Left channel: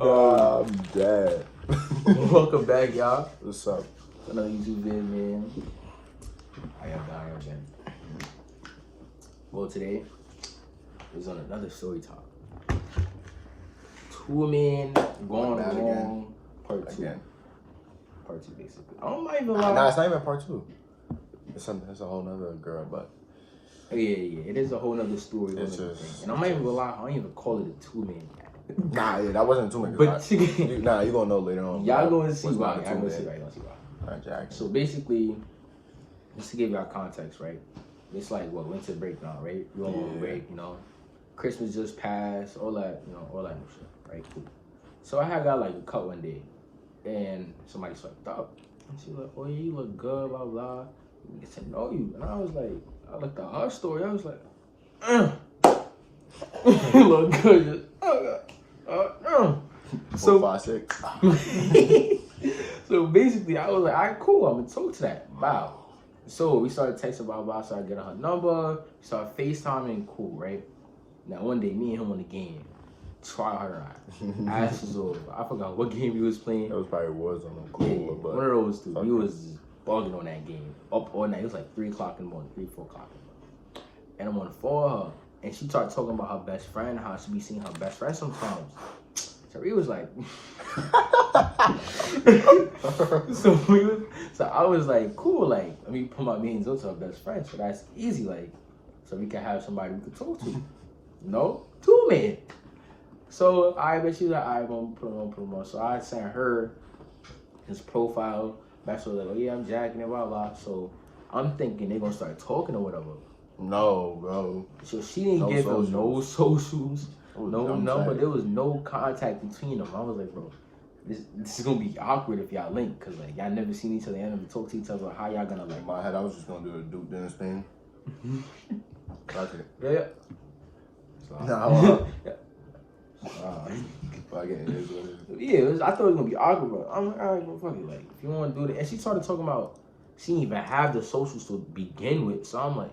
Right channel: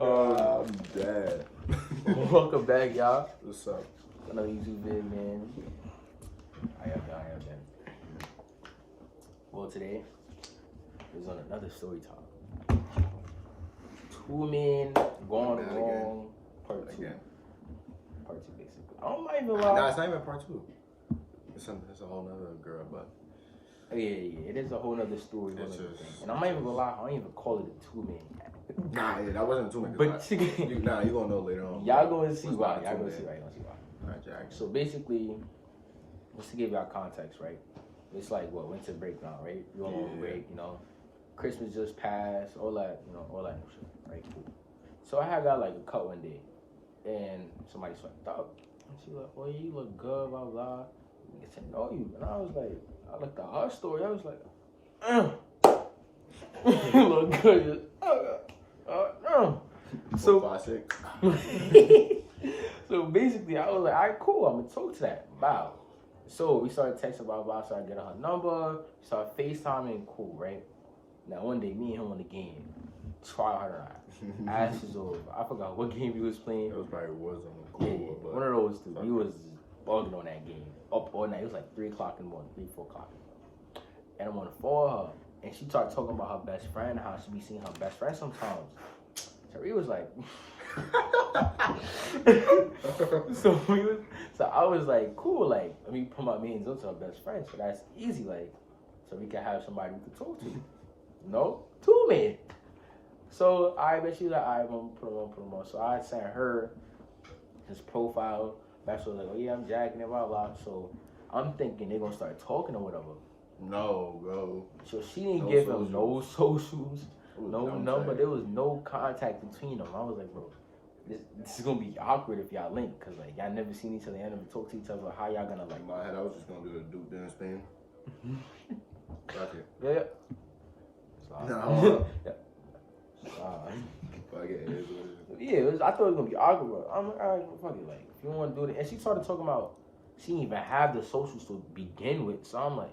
I'm dead. Welcome back, y'all. What's up? Another YouTube video, man. I am been. Well, today is on another story time. Two men gone wrong. Part two. Again. Part two, basically. I don't mind even Nah, lie. it's not even part two. It's a whole nother girl, but Yeah. It is a whole nother story. It's Thing. just- And I'm not even gonna lie. I don't even call it a two man. that wasn't too many. But you gonna know later on. y'all gonna see what's why. not a Y'all gonna two-man. see why. Y'all gonna see why. Jackson. So basically, just to give y'all context, right? It's like winter break now, right? You all on break, Christmas just passed, all that, all that new shit, right? Cool. So I had got like a cut one day, and somebody swiped up, and she like, "Oh yeah, you look good, blah blah. We get to know you." And I was like, I looked at her story, I was like, you look good, just, So 4, 5, 6. So basically, I was like, all right, cool, I'm gonna talk to that. Wow. So we started texting, blah, blah, so I get her number, we started FaceTiming, cool, right? Now, one day, me and him on the game, try hard not. Ass was over. I forgot what game we was playing. It was probably Warzone. Yeah, But one of those two. We was bugging on that game. Up all night. It was like 3 o'clock in the morning, 3, 4 o'clock in the morning. And I'm on the phone with her, and she started talking about her best friend, how she be seeing her best friend sometimes. Tariq was like... so I was like, cool, like, let me put my means up to our best friend, so that's easy, like, so we can have somebody we could talk to. No, two men. So I bet she was like, all right, I'm gonna put him on. So I sent her his profile. That's what like, oh yeah, I'm jacking it, blah blah. So I'm thinking they're gonna start talking or whatever. No, bro. So she didn't give him no socials, no number. There was no contact between them. I was like, bro, this is gonna be awkward if y'all link, cause like y'all never seen each other, y'all never talk to each other. How y'all gonna like? In my head, I was just gonna do the Duke Dennis thing. Okay. Yeah. No. Yeah, I thought it was gonna be awkward, but I'm like, all right, well, fuck it. Like, if you want to do it, and she started talking about she didn't even have the socials to begin with. So I'm like,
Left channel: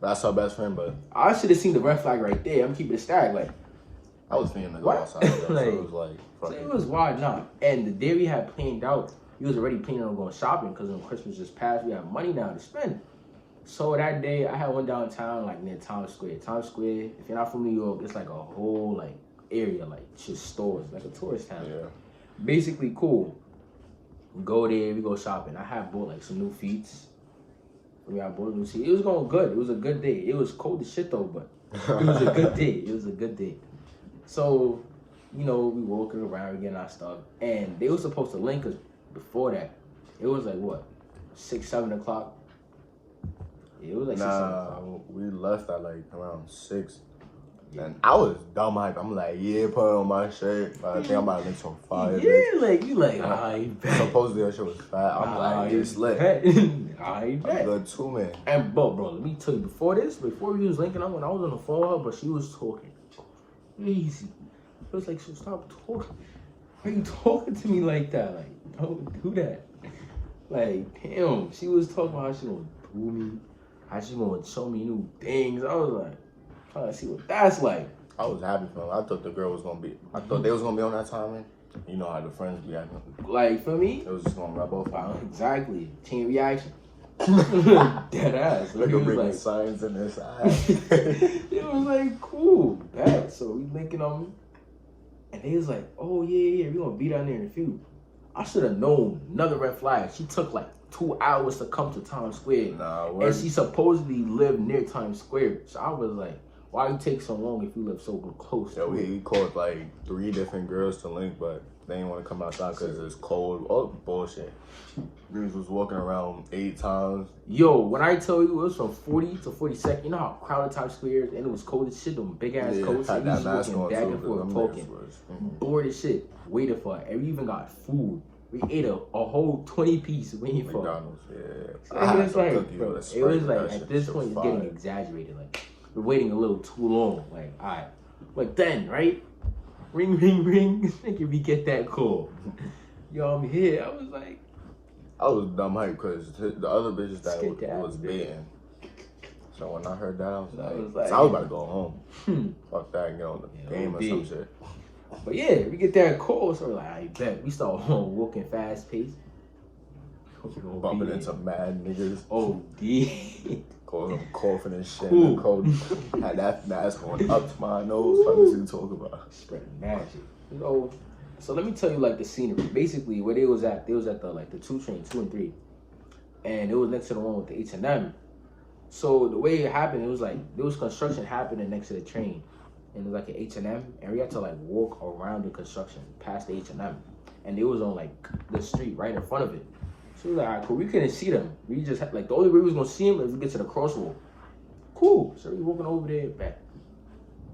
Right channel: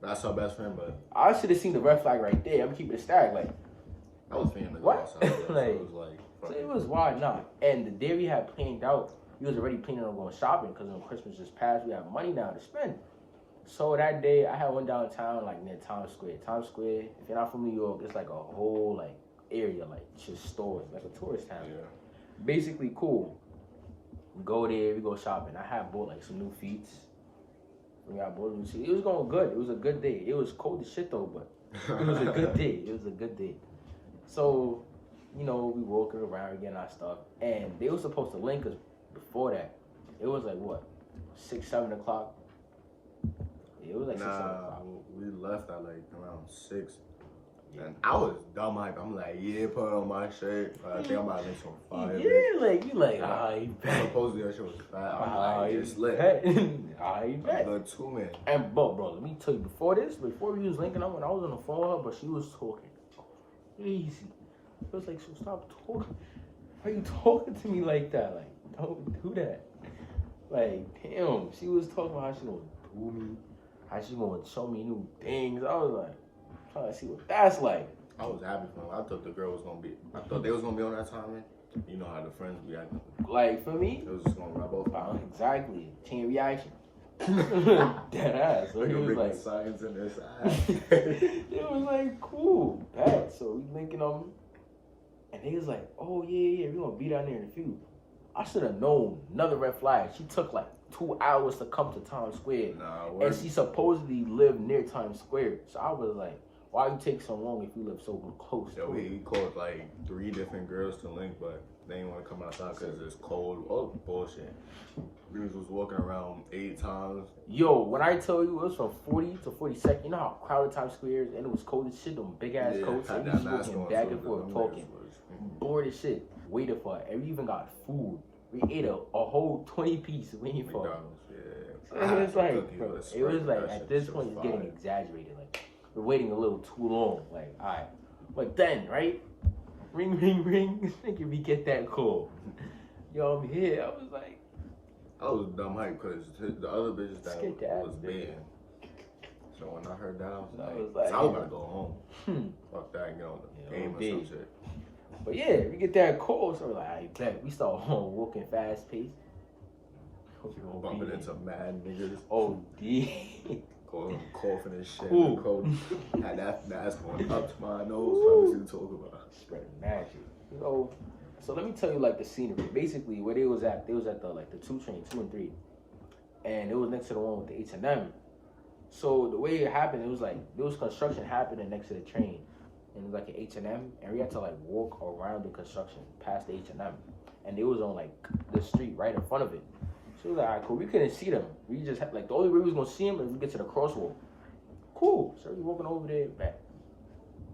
that's her best friend, but I should have seen the red flag right there. I'm keeping it stacked. Like, I was feeling to go outside. So Like, it was like, so it was wild, nah. And the day we had planned out, we was already planning on going shopping because when Christmas just passed, we have money now to spend. So that day, I had one downtown, like near Times Square. Times Square, if you're not from New York, it's like a whole like area, like just stores, like a tourist town. yeah. Basically, cool. We go there, we go shopping. I had bought like some new feet. I bought new feet. It was going good. It was a good day. It was cold as shit though, but it was a good day. It was a good day. So, we walking around, we getting our stuff, and they were supposed to link us before that. It was like what, 6, 7 o'clock. Yeah, it was like 6, 7 o'clock. We left at like around 6. And I was dumb hype. I'm like, yeah, put on my shirt. I think I'm about to link some fire. Yeah, like you like, I bet. Supposedly that shit was fat. I'm like, it's lit. I bet. I'm good too, man. And bro, let me tell you, before we was linking up, when I was on the phone with her, but she was talking crazy. It was like, so stop talking. Why are you talking to me like that? Like, don't do that. Like, damn, she was talking about how she gonna do me, how she gonna show me new things. I was like, trying to see what that's like. I was happy for him. I thought the girl was gonna be. I thought they was gonna be on that timing. You know how the friends be acting. Like for me, it was just gonna rub off. Exactly. Chain reaction. Dead ass. So They was bring like science in this eye. it was like cool, bad. So we linking them, and they was like, "Oh yeah, we gonna be down there in a few." I should have known. Another red flag. She took like 2 hours to come to Times Square, and she supposedly lived near Times Square. So I was like, why you take so long if you live so close? Yeah, we called like 3 different girls to link, but they didn't want to come outside because it's cold. Oh, bullshit. Girls was walking around 8 times. Yo, when I tell you it was from 40 to 42nd, you know how crowded Times Square is, and it was cold as shit, them big ass coats. Had that mask on back and forth talking. Bored as shit, waiting for it. And we even got food. We ate a whole 20-piece waiting for McDonald's, So it was like, bro, it was like at this point it's getting exaggerated. Like we're waiting a little too long. Like, all right, like then, right? Ring, ring, ring. Think we get that call. Yo, I'm here. I was like, I was dumb hype because the other bitches that was baiting. So when I heard that, I was like, I was like, I was about to go home. Hmm. Fuck that and get on the Yeah, game or OD. some shit. But yeah, we get there in cold, so we're like, I bet. We start walking fast pace. Bumping into mad niggas. OD. Call them coughing and shit. Cool. In the cold. Had that mask going up to my nose. Fuck what you talk about. Spreading magic. So let me tell you like the scenery. Basically, where they was at the 2 train, 2 and 3, and it was next to the one with the H&M. So the way it happened, it was like there was construction happening next to the train, and it was like an H&M, and we had to like walk around the construction past the H&M, and it was on like the street right in front of it. So we was like, alright, cool. We couldn't see them. We just had, like the only way we was gonna see them is we get to the crosswalk. Cool. So we walking over there back.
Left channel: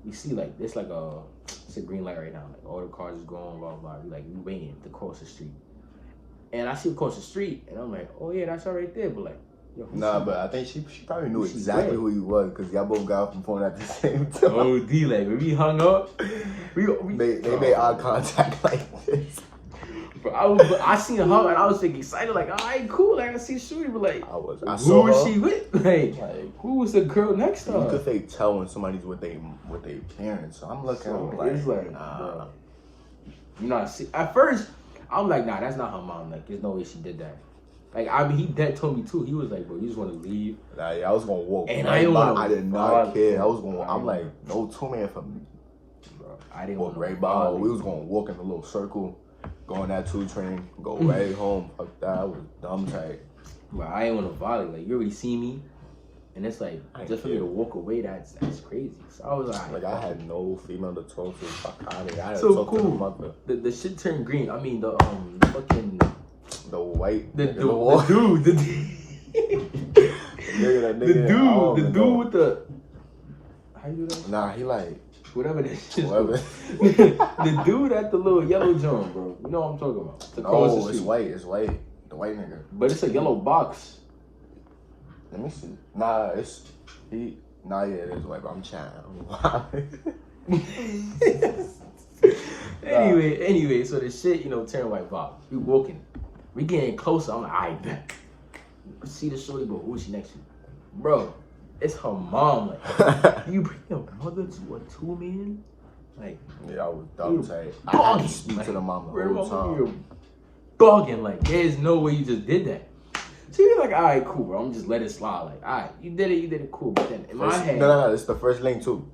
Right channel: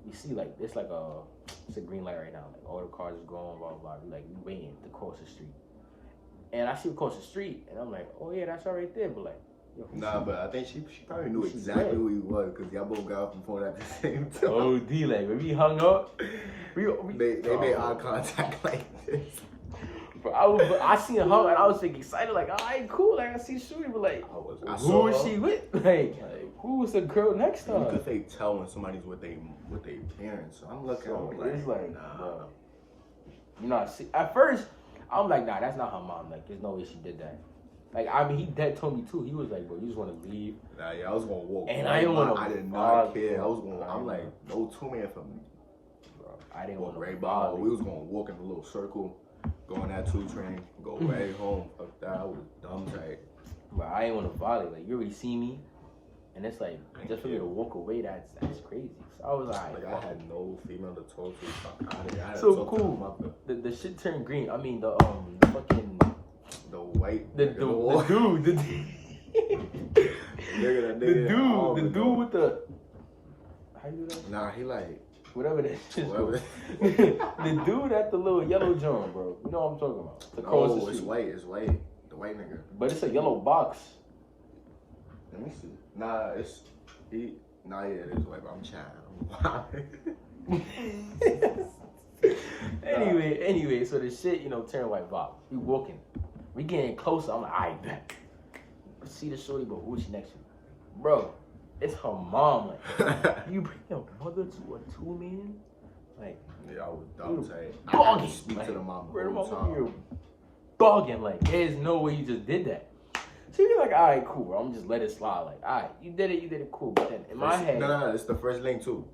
We see like it's a green light right now. Like all the cars is going, blah blah. We waiting to cross the street, and I see across the street, and I'm like, oh yeah, that's all right there. But like, yo, Nah, but I think she probably knew She exactly read. who he was because y'all both got off the phone at the same time. oh D, like when we hung up, we They made eye contact like this. But I seen her and I was like excited, like, all right, cool, like I see Shooty, but like, I who saw was her. she with? Like who was the girl next to You her? could fake tell when somebody's with their parents. So I'm looking So I'm like, it's like, nah. bro. You know, at first, I'm like, nah, that's not her mom. Like, there's no way she did that. Like, I mean, he dead told me too. He was like, bro, you just want to leave. Nah, yeah, I was gonna walk. And right I didn't by. wanna I did bother- not care. I was gonna. I I'm like, didn't- no 2-man for me. Bro, I didn't Walk want right by her. We was gonna walk in a little circle, go on that 2 train, go right home. Fuck that. I was dumb tight. But I ain't want to volley. Like, you already see me. And it's like, I just for me care. to walk away, that's crazy. So I was like, Like I had no female to talk to. Fuck out of here. I had So to talk to the cool. mother. the shit turned green. I mean, the fucking, The white the nigga, the wall. dude, the Nigga, that the nigga, I don't dude even know. with the, how you do that? Nah, he like Whatever that shit is whatever. called. The dude at the little yellow joint, bro. You know what I'm talking about. To cross the No, it's street. white. It's white. The white nigga. But it's a yellow box. Let me see. Nah, it's he. Nah, yeah, it is white. But I'm chatting. Anyway, so the shit, turn white box. We walking. We getting closer. I'm like, I bet. See the shorty, but who is she next to? Bro, it's her mom. Like, you bring your mother to a 2-man? Like, Yeah, I was dumb You tight. I had to bugging, speak like, to the mom the bro, whole time. you're bugging. Like, there's no way you just did that. So you're like, all right, cool, bro. I'm just let it slide. Like, all right, you did it, cool. But then in my head, No, it's the first link too.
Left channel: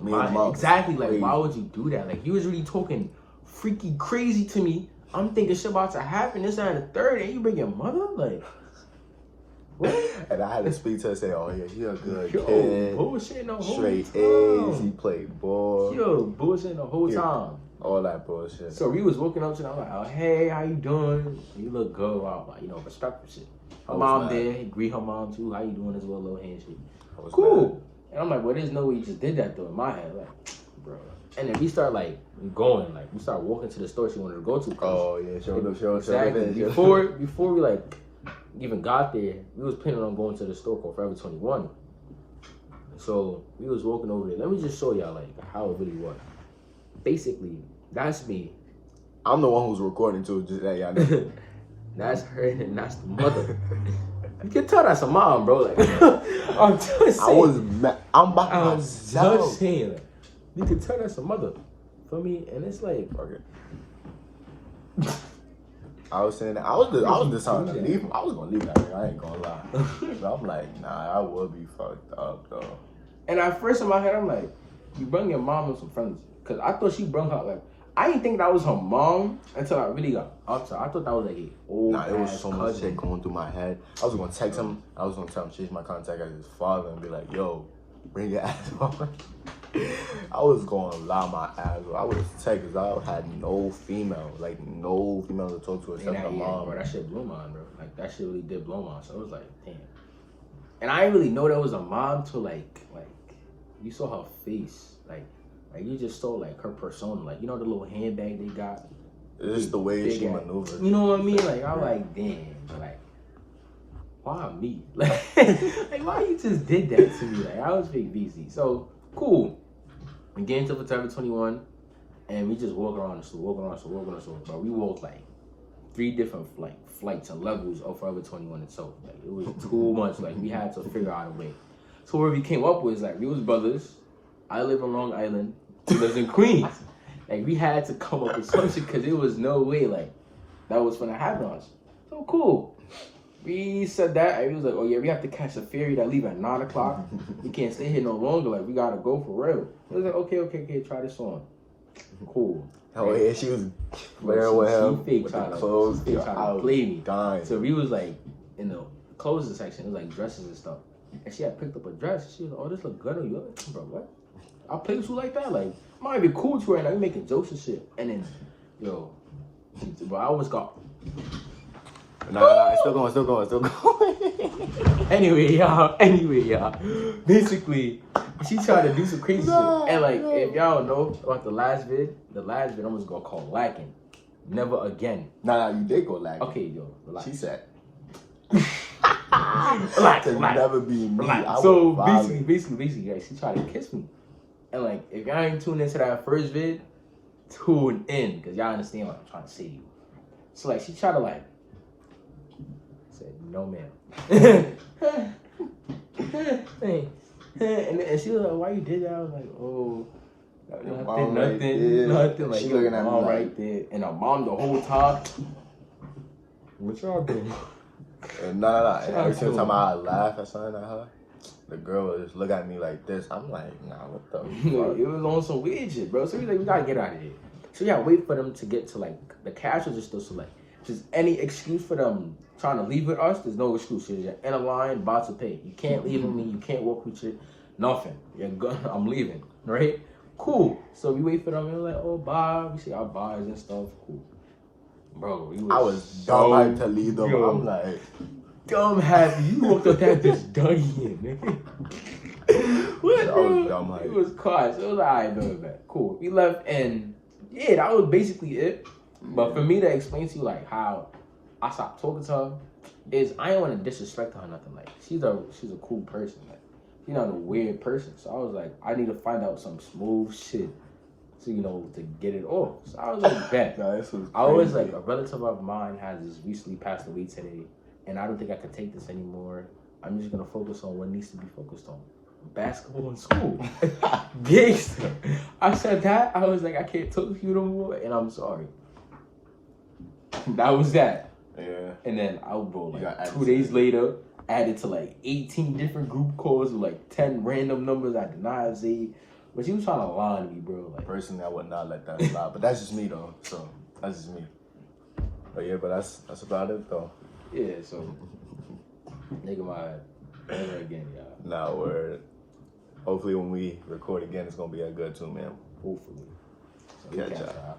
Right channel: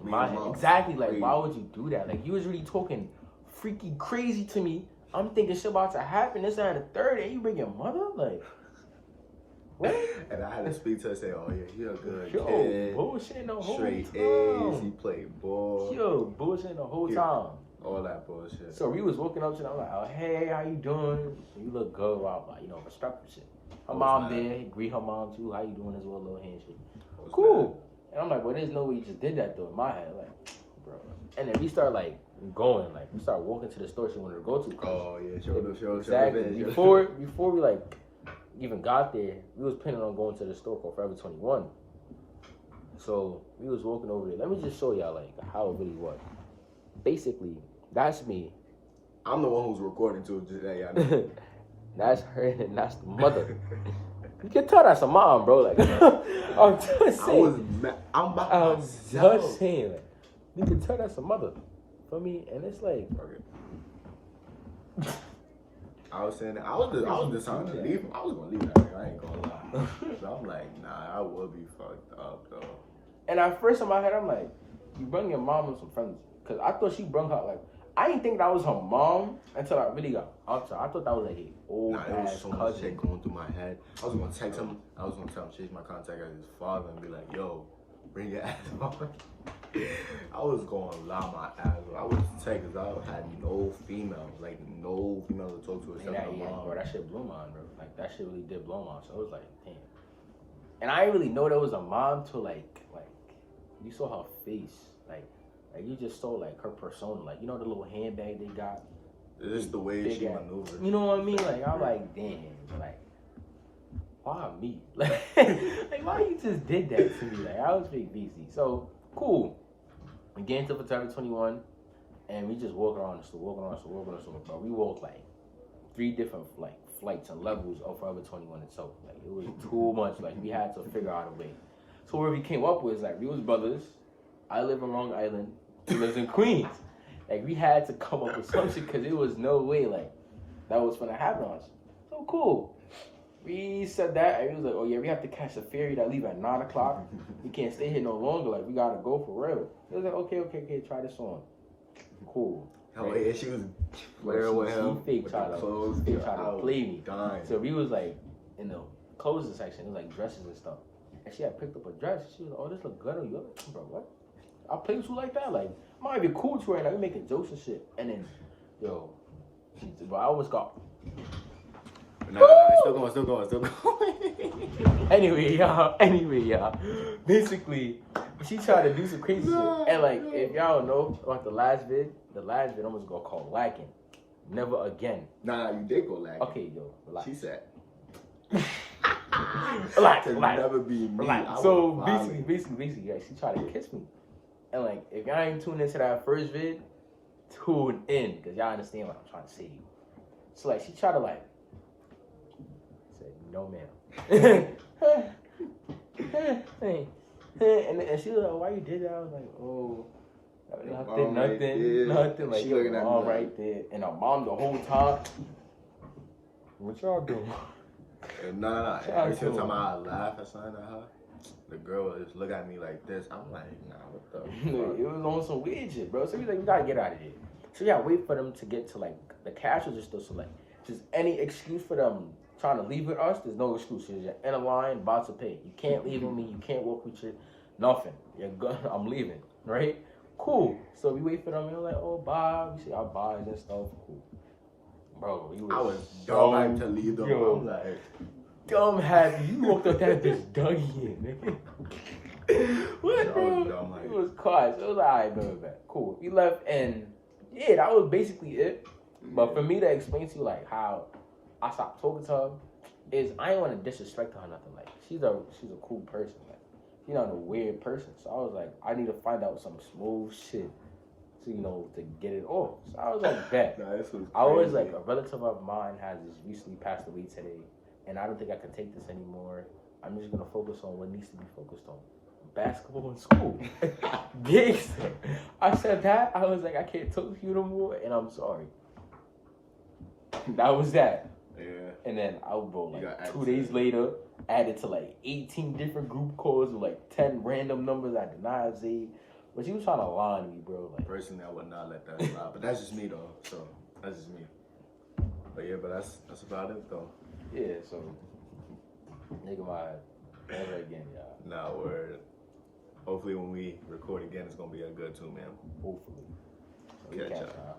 Me and the mom. exactly. Like, Crazy. why would you do that? Like, you was really talking freaky crazy to me. I'm thinking shit about to happen. This and the third, and you bring your mother? Like, what? And I had to speak to her and say, oh yeah, he a good Yo, kid. bullshit the whole Straight time. A's. He played ball. Yo, bullshit the whole Yeah. time. All that bullshit. So we was walking up to them, I'm like, oh, hey, how you doing? You look good. I'm like, respectful shit. Her I was mom mad. there, greet her mom too. How you doing as well, little handshake. I was Cool. mad. And I'm like, well, there's no way you just did that though in my head. Like, bro. And then we start like going, like we start walking to the store she wanted to go to. Oh yeah, show Exactly. the Before we like even got there, we was planning on going to the store called Forever 21. So we was walking over there. Let me just show y'all like how it really was. Basically, that's me. I'm the one who's recording too. Just that y'all know. That's her and that's the mother. You can tell that's a mom, bro. Like I'm just saying. I was mad. I'm by I'm myself. just saying. Like, you can tell that's a mother. For me, and it's like Okay. I was saying that I was deciding to leave. I was gonna leave that nigga. I ain't gonna lie. But I'm like, nah, I would be fucked up though. And at first in my head, I'm like, you bring your mom and some friends. Because I thought she brought her, like, I didn't think that was her mom until I really got up to her. I thought that was like an old Nah, there was ass so much cousin. shit going through my head. I was gonna text him. I was gonna tell him change my contact as his father and be like, yo, bring your ass on. I was gonna lie my ass off. I was text because I had no female to talk to And except that, my mom. bro, that shit blew mine, bro. Like, that shit really did blow mine. So I was like, damn. And I didn't really know there was a mom till, like, you saw her face. Like you just saw, like, her persona. Like, you know the little handbag they got? It's just the way Big she ass. maneuvered. You know what I mean? Like, I'm like, damn. Like, why me? Like, why you just did that to me? Like, I was big BC. So, cool. We get into Forever 21, and we just walk around the store, Bro, we walked, like, 3 different, flights and levels of Forever 21 itself. Like, it was too much. Like, we had to figure out a way. So where we came up with, like, we was brothers. I live on Long Island. He lives in Queens. Like, we had to come up with some shit because there was no way, like, that was gonna happen to us. So cool. We said that, and he was like, oh yeah, we have to catch a ferry that leave at 9 o'clock. We can't stay here no longer. Like, we gotta go for real. He was like, okay, try this on. Cool. Oh yeah, she was flaring with him She with trying the to, clothes. she Yo, trying I to was play me. dying. So we was like in the clothes section, it was like dresses and stuff. And she had picked up a dress. She was like, oh, this look good on you. I'm like, bro, what? I play with you like that? Like, I might be cool with you right now. We making jokes and shit. And then, yo, bro, I always got. Nah, it's still going. Anyway, y'all. Basically, she tried to do some crazy shit. And like, if y'all don't know about the last vid, I'm just gonna call lacking. Never again. Nah, you did go lagging. Okay, yo, relax. She said. Relax. To never be me. Relax. I So would violate. basically, like, she tried to kiss me. And like, if y'all ain't tuned into that first vid, tune in, because y'all understand what I'm trying to say to you. So like, she tried to like, said, no ma'am. And she was like, why you did that? I was like, oh, nothing. Like, She your looking at me mom like- right there. And her mom the whole time. What y'all doing? Nah. Shout out Every to single her. time I laugh at something at her, the girl would just look at me like this. I'm like, nah, what the fuck? It was on some weird shit, bro. So we like, we gotta get out of here. So we gotta wait for them to get to like the cash register. So like, just any excuse for them trying to leave with us, there's no excuse. You're in a line, about to pay. You can't leave with me. You can't work with shit. Nothing. You're good. I'm leaving. Right? Cool. So we wait for them. And we're like, oh, bye. We see our buys and stuff. Cool. Bro, I was dumb hyped to leave them. Yo. I'm like, dumb happy. You walked up that bitch done here, nigga. What, I bro? was dumb hyped. It was quiet. So it was like, alright, bet. Cool. We left, and yeah, that was basically it. But for me to explain to you like how I stopped talking to her is I didn't want to disrespect her or nothing. Like she's a cool person. Like she's not a weird person. So I was like, I need to find out some smooth shit to to get it off. So I was like, bet. nah, this was crazy. I always like a relative of mine has just recently passed away today, and I don't think I can take this anymore. I'm just gonna focus on what needs to be focused on. Basketball and school. Gangster. I said that. I was like, I can't talk to you no more, and I'm sorry. That was that. Yeah. And then I would go You got like added 2 to days it. later, added to like 18 different group calls with like 10 random numbers I did not save. But she was trying to lie to me, bro. Like, Personally, I would not let that slide. But that's just me though. So that's just me. But yeah, but that's about it though. yeah, so nigga my never again, y'all. Nah, word. Hopefully when we record again, it's gonna be a good too, man. Hopefully. So we Catch catch y'all. y'all.